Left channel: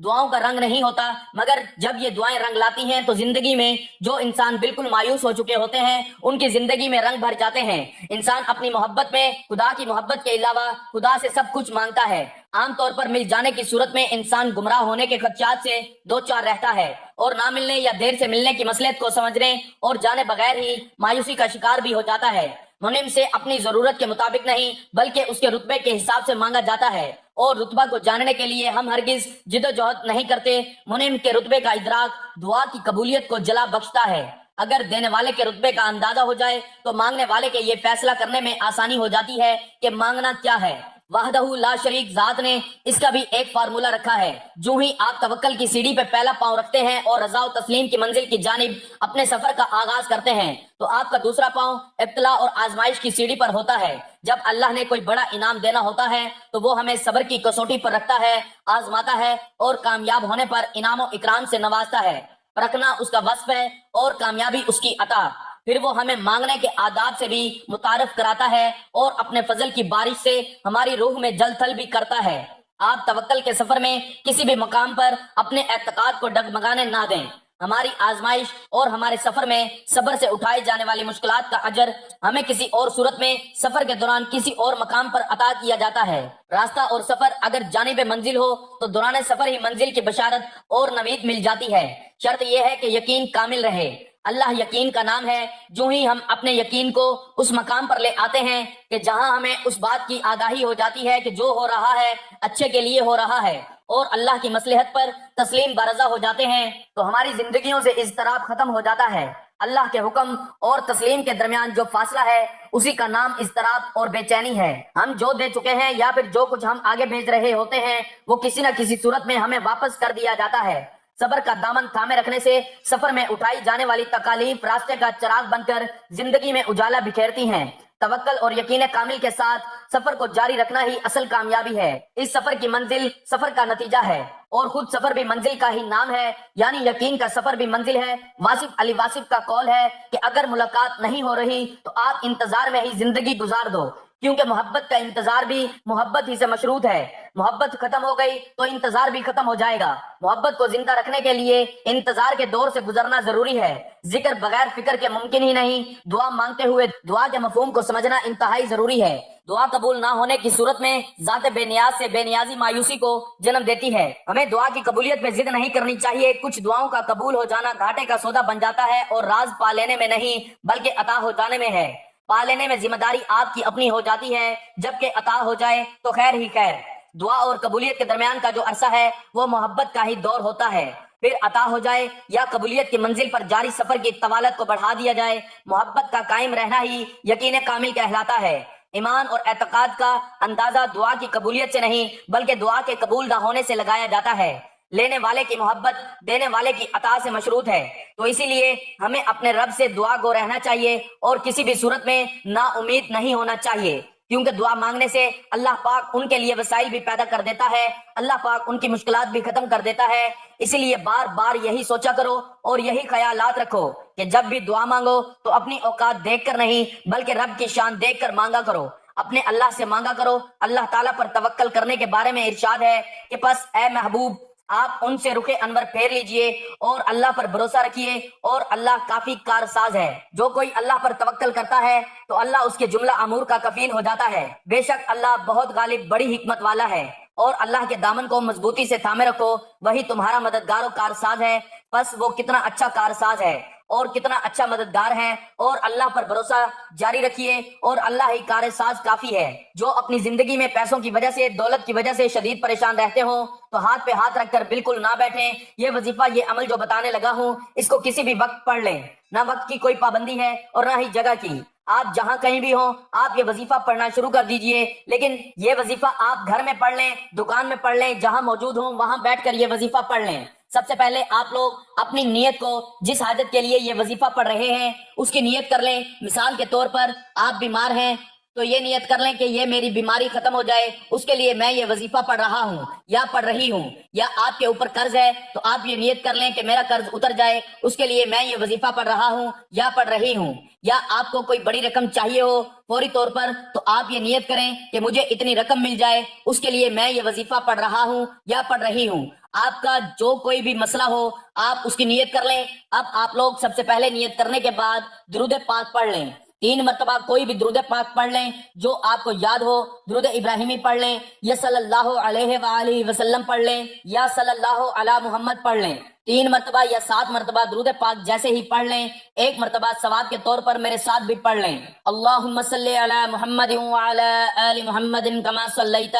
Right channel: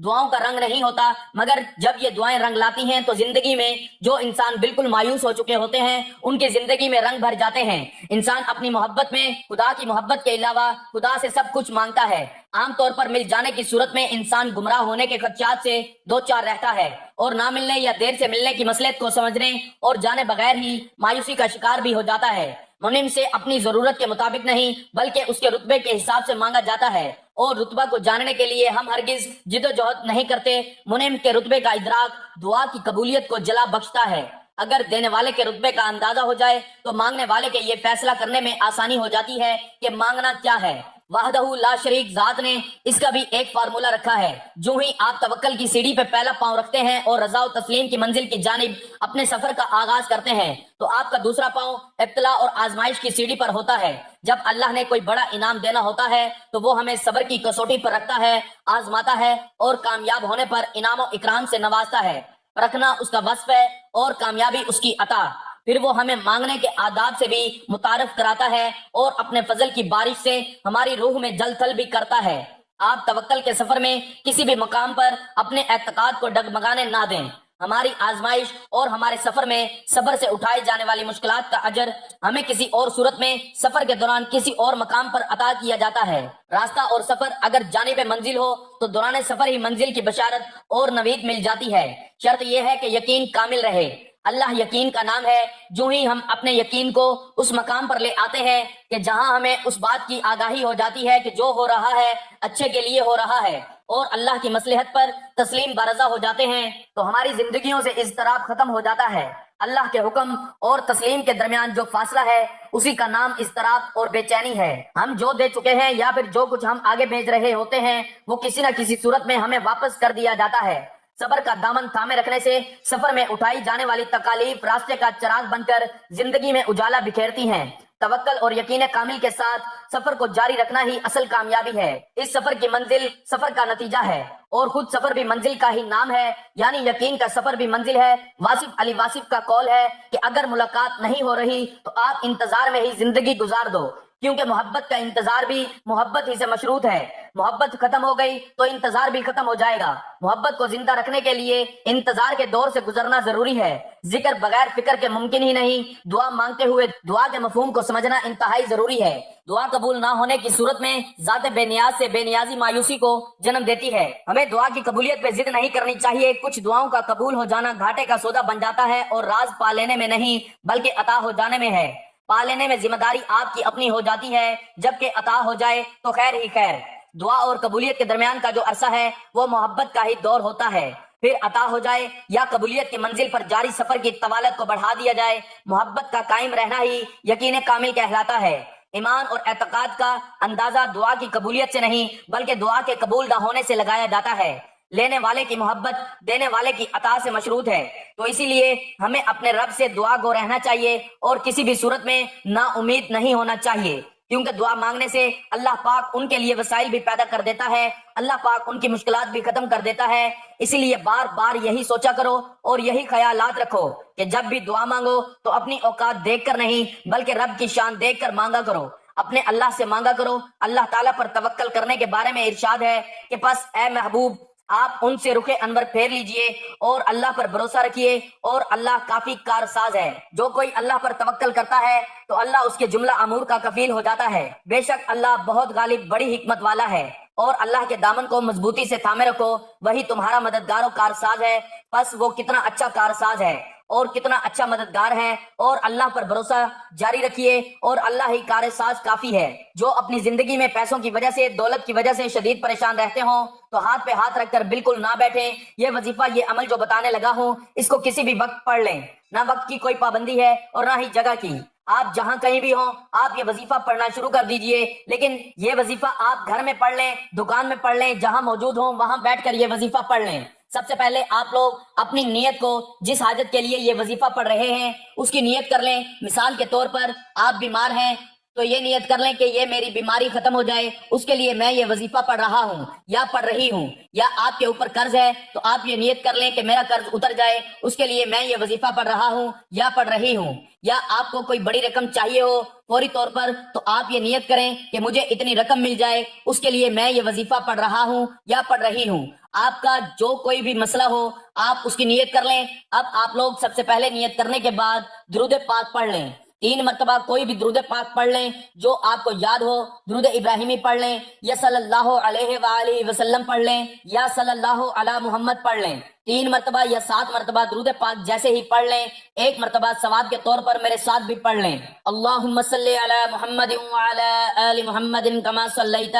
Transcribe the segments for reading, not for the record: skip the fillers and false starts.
دعاؤں کا رنگ نہیں ہوتا، مگر جب یہ دعائیں رنگ لاتی ہیں تو زندگی میں جو انسان بالکل مایوس ہو چکے ہوتے ہیں ان کی زندگی میں رنگ بھر جاتے ہیں۔ انسان اپنی محبت میں خدا کی محبت کے علاوہ خدا سے سب کچھ مانگتا ہے۔ عام طور پر مل جانے کی صورت میں انسان گمراہ ہونے کے خدشات سے دو چار رہتا ہے، اور نہ ملنے یا دیر سے ملنے کی مصلحت کو سمجھنے اور جانے بغیر ہی مایوسی کا شکار بھی ہو جاتا ہے۔ منعم سے اپنی ضرورت کے مطابق نہیں بلکہ اس کے رتبے کے حساب سے مانگا جاتا ہے، اور رتبہ کو جاننے کے لیے ہم ہرگز جد و جہد نہیں کرتے۔ منعم کے رتبے کا ادراک دعا کی قبولیت کو جلا بخشتا ہے۔ اگر دینے والے کے رتبے کا اندازہ ہو جائے تو مانگنے والے کے یہ فیصلہ کرنے میں آسانی ہو جاتی ہے کہ مانگنا کیا ہے۔ وحدہ لا شریک ذات نے اس کا بھی ایک فارمولہ رکھا ہے۔ جو ہی آپ توکل کی سیڑھی پہ پہلا پاؤں رکھتے ہیں اور رضا و تسلیم کی منزل کی جانب اپنے سفر کا آغاز کرتے ہیں تو آپ کا دوسرا پاؤں ابتلا اور آزمائش کی سیڑھی پر ہوتا ہے۔ جب اللہ نے کوئی بڑا انعام دینا ہوتا ہے تو وہ ہمیں صبر کی کسوٹی پر رکھتا ہے، آزماتا ہے، اور کامیاب ہونے پر انعام و اکرام سے نوازتا ہے۔ پرکھنا اس کا وصف ہے اور کامیابی اس کی عطا۔ پھر وہ ہمیں مانگنے کے آداب سے بھی متعارف کراتا ہے اور اپنے فضل کی بارش سے ہماری روح میں جل تھل بھی کرتا ہے۔ آپ توکل کے سفر میں کسی بھی مقام پر اپنے اعتقاد کو ڈگمگانے نہ دیں۔ ہماری آزمائش اور ہمارے سفر میں صبر سے اٹھائی جانے والی مشکلات کا اجر ہمیں کسی اور صورت میں سفر کے دوران کسی اور مقام پر عطا کیا جاتا ہے۔ راستہ اور سفر اگر جانب منزل ہو تو دوران سفر ہی منزل کی بشارت اور نوید مل جاتی ہے۔ شرط یہ ہے کہ یقین کامل رہے۔ اللہ یقین کا نام ہے۔ جو ہی ہم اپنے یقین کو اس مقام پر لے آتے ہیں کہ جہاں ہمیں اس بات کی آگاہی ہو جاتی ہے کہ جو ہو رہا ہے اچھے کے لیے ہو رہا ہے اور اللہ کی مصلحت پر تسلیم برضا ہو جاتے ہیں، تو ہماری زندگیوں سے اضطراب ختم ہو جاتا ہے۔ اللہ کے حکم اور تسلیم کے درمیان جو فاصلہ ہے اسی کا نام اضطراب اور بے چینی ہے۔ ہم جو دے چکے ہیں یا پھر جو کچھ ہم آگے بھیج رہے ہوتے ہیں وہ کسی نہ کسی صورت میں ہمیں واپس کر دیا جاتا ہے۔ صبر کا دامن تھامے رکھنے سے سفر میں اٹھائی جانے والی تکالیف راستے کا چراغ بن کر زندگی میں اجالا بکھیرتی ہیں۔ توکل اور یقین کامل کے ساتھ سفر کو جاری رکھنا ہی اصل کامیابی ہے۔ اس سفر کی منزل سفر کا نتیجہ ہے اور خود سفر بھی منزل کا ہی نام ہے، یعنی یقین کا سفر بھی منزل ہے۔ واصف علی واصف کا قول ہے کہ اگر ملاقات نہیں ہو رہی تو آپ انتظار میں ہی زندگی گزار دو، کیونکہ محبت کا انتظار بھی محبت ہی سے مشروط ہے۔ محبت ختم ہو گئی تو انتظار بھی ختم ہو جائے گا۔ محبت کو زندہ رکھنے کے لیے انتظار کے دور سے گزرنا ضروری ہے۔ ذکر بغیر فکر کے ممکن ہی نہیں۔ دعا مانگتے ہوئے دعا کے مفہوم کو سمجھنا انتہائی ضروری ہے۔ دعا قبول نہ ہونے کی صورت میں ذات بے نیاز سے بے نیازی مایوسی کو جنم دیتی ہے۔ ہمیں دعا کی قبولیت پہ ضد نہیں کرنی چاہیے۔ کچھ دعاؤں کا قبول ہو جانا گھاٹے کا سودا بن جاتا ہے اور راز پا لینے میں نہیں بلکہ عطا ہو جانے میں ہے۔ پا لینے میں ذمہ داری آپ کی اپنی ہو جاتی ہے، جبکہ عطا ہو جائے تو خیر ہی خیر۔ دعا اور قبولیت کے درمیان کا جو عرصہ ہے وہ محبت کا ہی دور ہوتا ہے۔ پھر عطا ہو جائے یا قبولیت کی منزل پر جاری سفر کی طوالت کو بڑھا دیا جائے، محبت کا قائم رہنا ہی یقین کامل کہلاتا ہے۔ ایمان اور اعتقاد کا اندازہ دعا کی قبولیت سے نہیں بلکہ دعا کے قبول نہ ہونے سے لگایا جاتا ہے۔ لینے والے کی محبت دینے والے کی عطا سے مشروط ہے، تو اسی لیے ہمیں اپنے رب سے دعا گو رہنا چاہیے اور کسی بھی صورت میں نا امید نہیں ہونا چاہیے، کیونکہ دعا مانگنے سے اللہ پاک ان کے لیے وسائل بھی پیدا کر دیتا ہے، اللہ پاک ان کی مشکلات بھی ختم کر دیتا ہے۔ اسی لیے بار بار یہی سوچا کرو اور یہی خیالات رکھو کہ جب بھی دعا مانگو تو اپنی اوقات دیکھ کر نہیں بلکہ رب کی شان دیکھ کر مانگا کرو، اپنے اللہ سے مانگا کرو۔ اللہ تعالیٰ پر توکل کرنے کے بارے میں ارشاد ہے کہ پس اے محبوب آپ ان سے رخ انور پھیر لیجئے اور اللہ پر بھروسہ رکھیے، اور اللہ کافی کارساز ہے۔ جو کوئی اللہ پر توکل کرتا ہے تو اللہ اس کے جملہ امور کا کفیل ہو جاتا ہے۔ بے شک اللہ بہت غالب بڑی حکمت والا ہے، اور اللہ کے دامن کو مضبوطی سے تھامے رکھو، وہی تمہارا مددگار و کارساز ہے۔ بس وہ کتنا اچھا کارساز ہے اور کتنا اچھا مددگار ہے، اور اللہ پر بھروسہ جاری رکھیے اور اللہ ہی کارساز کافی ہے۔ جو اپنی زندگی میں پیسوں کی وجہ سے دولت کی وجہ سے شدید پریشان رہتے ہوں تو ہاتھ پہ ہاتھ رکھ کر بالکل نہ بیٹھیں۔ یہ وظیفہ یہ عمل جو بتانے لگا ہوں اس کو کسی بھی وقت پڑھ لیں، نہ وقت کی کوئی پابندی ہے اور نہ ہی جگہ کی۔ آپ جہاں کہیں بھی ہوں آپ یہ وظیفہ پڑھنا شروع کر دیجئے، لیکن یہ وظیفہ آپ گھر میں پڑھ لیں، دکان میں پڑھ لیں، جہاں موجود ہوں وہاں بیٹھ کر یہ وظیفہ پڑھ لیں۔ سب سے پہلے آپ لوگ اپنی نیت کو جس حاجت کے لیے یہ وظیفہ پڑھ رہے ہیں اس کی نیت کر لیں۔ مثال کے طور پر آپ بیمار ہیں تو یہ نیت کر لیں کہ یہ میری بیماری ختم ہو جائے، اس کے لیے میں یہ وظیفہ پڑھ رہا ہوں یا پڑھ رہی ہوں۔ یا آپ کے اوپر قرض ہے تو آپ یہ نیت کر لیں کہ میرا قرض اتر جائے، اس کے لیے میں یہ وظیفہ پڑھ رہا ہوں یا پڑھ رہی ہوں۔ یا آپ کو کوئی بڑی رقم چاہیے ہو فوری طور پر تو آپ یہ نیت کریں کہ مجھے اتنی رقم مل جائے، اس کے لیے میں یہ وظیفہ پڑھ رہا ہوں یا پڑھ رہی ہوں۔ آپ کا جو کوئی بھی مسئلہ ہو آپ اس کی نیت کر لیں۔ اب آپ لوگ سب سے پہلے نیت کرنے کے بعد درود پاک پڑھ لیں، 3 مرتبہ کوئی بھی درود پاک پڑھ لیں جو آپ کو یاد ہو۔ درود ابراہیمی پڑھ لیں یا صلی اللہ علیہ وآلہ وسلم پڑھ لیں یا صلی اللہ علی محمد پڑھ لیں، 3 مرتبہ یا 7 مرتبہ درود پاک جیسے ہی پڑھ لیں۔ 1 مرتبہ ثواب کے طور پر میرے ساتھ بھی پڑھ لیں، اللہم صلی علی محمد وعلی آل محمد کما صلیت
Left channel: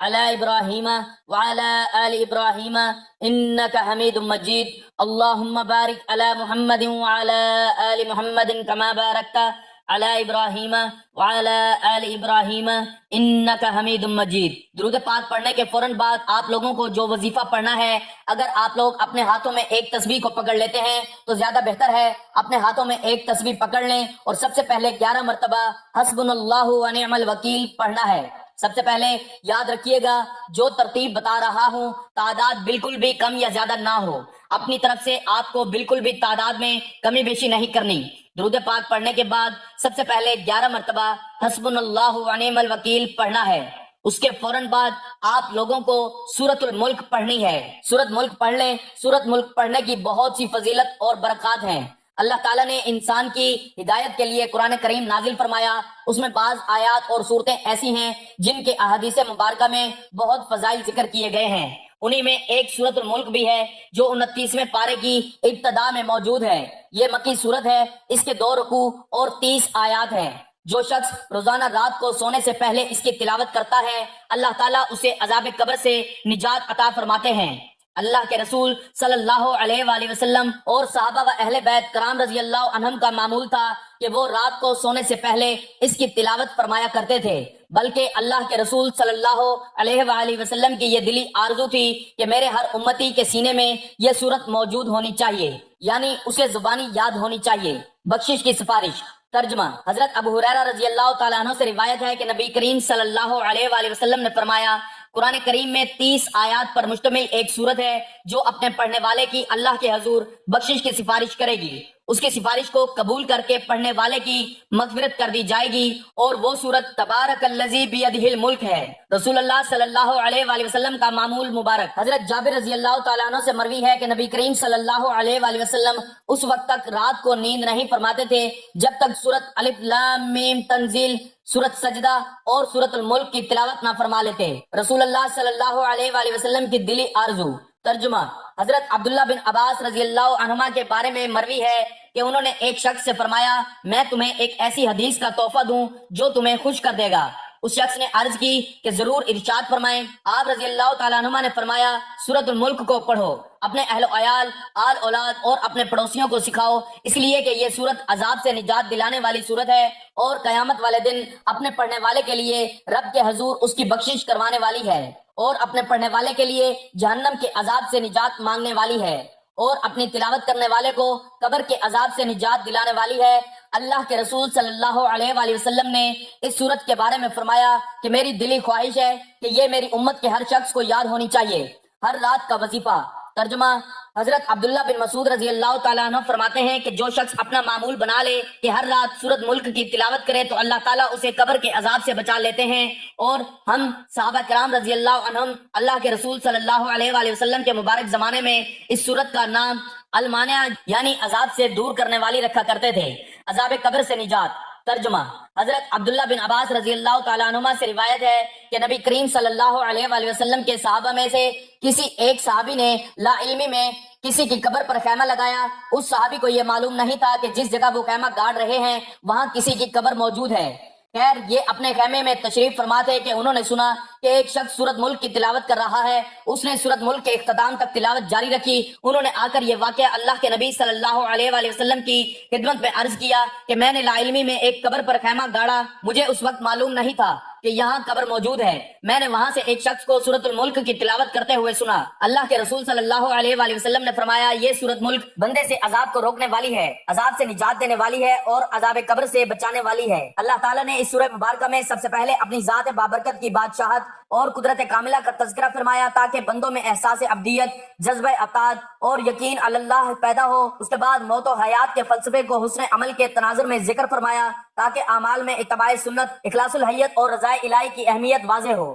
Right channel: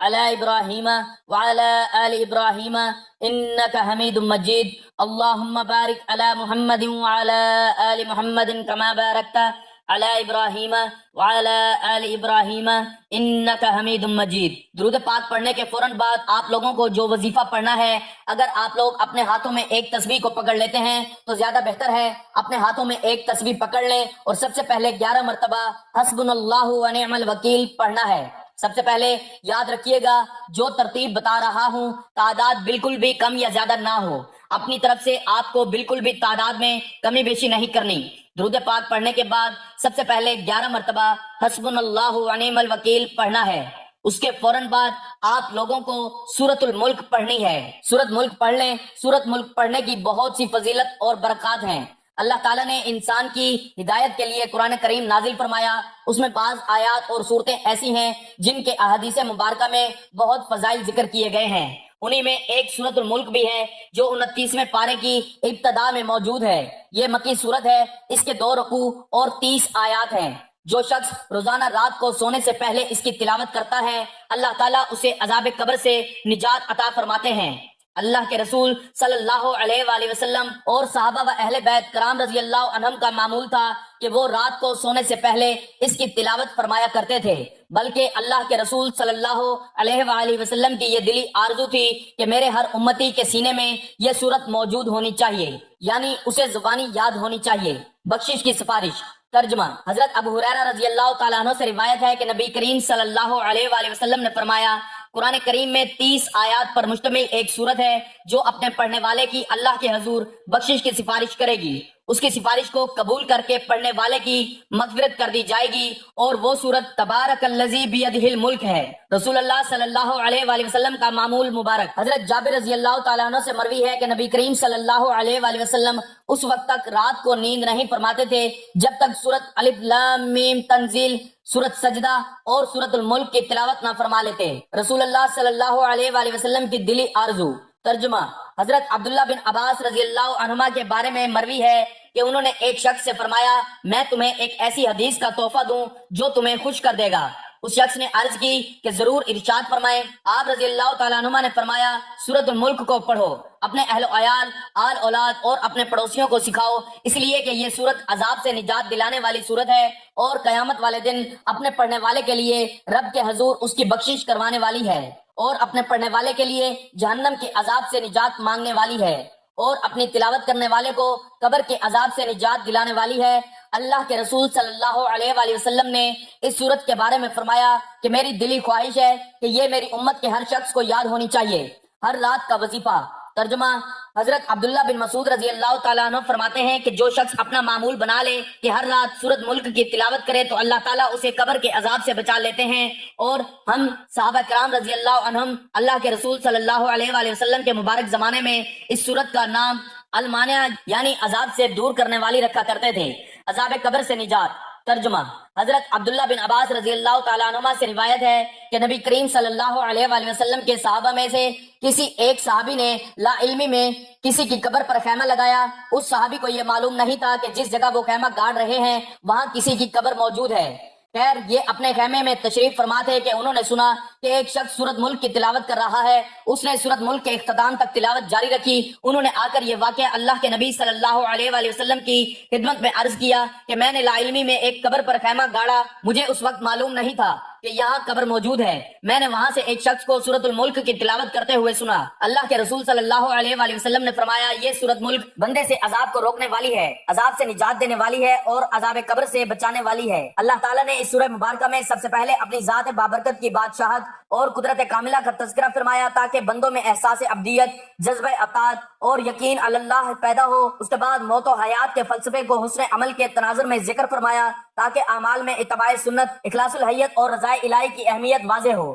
علی ابراہیم وعلی آل ابراہیم انک حمید مجید، اللہم بارک علی محمد وعلی آل محمد کما بارکت علی ابراہیم وعلی آل ابراہیم انک حمید مجید۔ درود پاک پڑھنے کے فوراً بعد آپ لوگوں کو جو وظیفہ پڑھنا ہے، اگر آپ لوگ اپنے ہاتھوں میں ایک تسبیح کو پکڑ لیتے ہیں تو زیادہ بہتر ہے۔ اپنے ہاتھوں میں ایک تسبیح پکڑ لیں اور سب سے پہلے 11 مرتبہ حسبنا اللہ ونعم الوکیل پڑھنا ہے۔ سب سے پہلے یاد رکھیے گا جو ترتیب بتا رہا ہوں تعداد بالکل بھی کم یا زیادہ نہ ہو، اپنی طرف سے آپ کو بالکل بھی تعداد میں کمی بیشی نہیں کرنی۔ درود پاک پڑھنے کے بعد سب سے پہلے 11 مرتبہ حسبنا اللہ ونعم الوکیل پڑھنا ہے۔ اس کے فوراً بعد آپ لوگوں کو سورۃ الملک پڑھنی ہے۔ سورۃ ملک پڑھ لیں۔ سورۃ ملک پڑھنے کی بہت سی فضیلت اور برکات ہیں۔ اللہ تعالیٰ نے انسان کی ہدایت کے لیے قرآن کریم نازل فرمایا، اس میں بعض آیات اور صورتیں ایسی ہیں جن کے احادیث مبارکہ میں بہت فضائل ذکر کیے گئے ہیں۔ انہی میں ایک سورۃ الملک بھی ہے جو 29ویں پارے کی ابتدا میں موجود ہے۔ یہ مکی سورت ہے، اس کے 2 رکوع اور 30 آیات ہیں۔ جو شخص روزانہ رات کو سونے سے پہلے اس کی تلاوت کرتا ہے اللہ تعالیٰ اسے عذاب قبر سے نجات عطا فرماتے ہیں۔ اللہ کے رسول صلی اللہ علیہ وآلہ وسلم اور صحابہ و اہل بیت کرام رضی اللہ عنہم کا معمول تھا کہ وہ رات کو سونے سے پہلے اس کی تلاوت فرمایا کرتے تھے، بلکہ اللہ کے رسول صلی اللہ علیہ وآلہ وسلم کی یہ دلی آرزو تھی کہ میرے ہر امتی کے سینے میں یہ صورت موجود ہونی چاہیے، یعنی اسے زبانی یاد ہونی چاہیے۔ بخشش کی سفارش۔ ترجمہ: حضرت ابو ہریرہ رضی اللہ تعالیٰ عنہ سے روایت ہے کہ نبی کریم صلی اللہ علیہ وآلہ وسلم نے فرمایا، قرآن کریم میں 30 آیات پر مشتمل ایک سورت ہے جو اپنے پڑھنے والے کی اللہ کے حضور بخشش کی سفارش کرے گی، اس کی سفارش کو قبول کر کے پڑھنے والے کی مغفرت کر دی جائے گی، اور وہ سورت تبارک الذی بیدہ الملک ہے۔ رسول اللہ صلی اللہ علیہ وآلہ وسلم کا معمول مبارک۔ حضرت جابر رضی اللہ تعالیٰ عنہ سے مروی ہے کہ نبی کریم صلی اللہ علیہ وآلہ وسلم اس وقت تک رات کو نیند نہیں فرماتے تھے جب تک سورت الف لام میم تنزیل، سورت سجدہ اور سورت الملک کی تلاوت نہ فرما لیتے۔ رسول اللہ صلی اللہ علیہ وآلہ وسلم کی دلی آرزو۔ ترجمہ: حضرت عبداللہ بن عباس رضی اللہ عنہما کے بارے میں مروی ہے کہ انہوں نے ایک شخص سے فرمایا، میں تمہیں ایک ایسی حدیث کا تحفہ دوں جو تمہیں خوش کر دے گا۔ اس شخص نے عرض کی کہ ضرور ارشاد فرمائیں۔ آپ رضی اللہ تعالیٰ عنہما نے فرمایا، سورت الملک کو پڑھو، اپنے اہل و عیال، آل اولاد اور اپنے پڑوسیوں کو سکھاؤ، اس لیے کہ یہ سورت عذاب سے نجات دلانے والی سورت ہے اور قیامت والے دن اپنے پڑھنے والے کے لیے رب کے حضور اس کی بخشش کروانے والی ہے، اور اپنے پڑھنے والے کے لیے جہنم کے عذاب سے نجات مانگنے والی ہے، اور اپنی تلاوت کرنے والے کو قبر کے عذاب سے نجات دلانے والی ہے۔ اللہ کے رسول صلی اللہ علیہ وآلہ وسلم نے اس سورت کے بارے میں فرمایا کہ میری دلی خواہش ہے کہ یہ میری امت کے ہر شخص کو یاد ہونی چاہیے۔ ہر رات کا وظیفہ۔ ترجمہ: حضرت عبداللہ بن مسعود رضی اللہ تعالیٰ عنہ فرماتے ہیں کہ جو شخص اپنا معمول بنا لے کہ ہر رات سورت ملک کی تلاوت کرے تو اللہ تعالیٰ اسے قبر کے عذاب سے بچا لیتے ہیں۔ اور ہم صحابہ کرام رضی اللہ عنہم اللہ کے رسول صلی اللہ علیہ وآلہ وسلم کے مبارک زمانے میں اس سورت کا نام المانع یعنی عذاب سے دور کرنے والی رکھا کرتے تھے، عذاب قبر سے نجات۔ ترجمہ: حضرت عبداللہ بن عباس رضی اللہ تعالیٰ عنہما سے روایت ہے کہ نبی کریم صلی اللہ علیہ وآلہ وسلم کے صحابہ میں سے کسی ایک صحابی نے لا علمی میں کسی کی قبر پر خیمہ لگایا۔ اس صحابی کو یہ معلوم نہیں تھا کہ جس جگہ وہ خیمہ گاڑ رہے ہیں وہاں کسی کی قبر موجود ہے۔ خیر، یہ اپنے خیمے میں تشریف فرما تھے کہ انہوں نے سنا کہ ایک شخص سورت ملک کی تلاوت کر رہا ہے۔ اس نے سورت ملک کے اختتام تک تلاوت جاری رکھی۔ انہوں نے آ کر یہ واقعہ اللہ کے نبی صلی اللہ علیہ وآلہ وسلم کی خدمت میں عرض کیا کہ میں نے لا علمی میں ایک قبر پر خیمہ گاڑا، مجھے اس وقت معلوم نہیں تھا کہ یہاں قبر موجود ہے۔ میں نے وہاں سے ایک شخص کو سورت الملک کی تلاوت کرتے ہوئے سنا۔ اللہ کے رسول صلی اللہ علیہ وآلہ وسلم نے فرمایا، یہ سورت ملک بندے سے عذاب کو روکنے والی ہے، عذاب سے نجات دینے والی ہے اور عذاب قبر سے بچانے والی ہے۔ اللہ تعالیٰ نے اس سورہ مبارکہ میں سب سے پہلے اپنی ذات بابرکت کی بادشاہت اور قدرت کاملہ کا تذکرہ فرمایا تاکہ بندوں میں احساس ابدیت، جذبہ اطاعت اور یقین علی اللہ پیدا ہو۔ اس کے بعد موت و حیات کے فلسفے کو حسن عمل کے تناظر میں ذکر فرمایا تاکہ اعمال میں اتباع سنت، اخلاص الحیت اور رضائے الہی کی اہمیت واضح ہو۔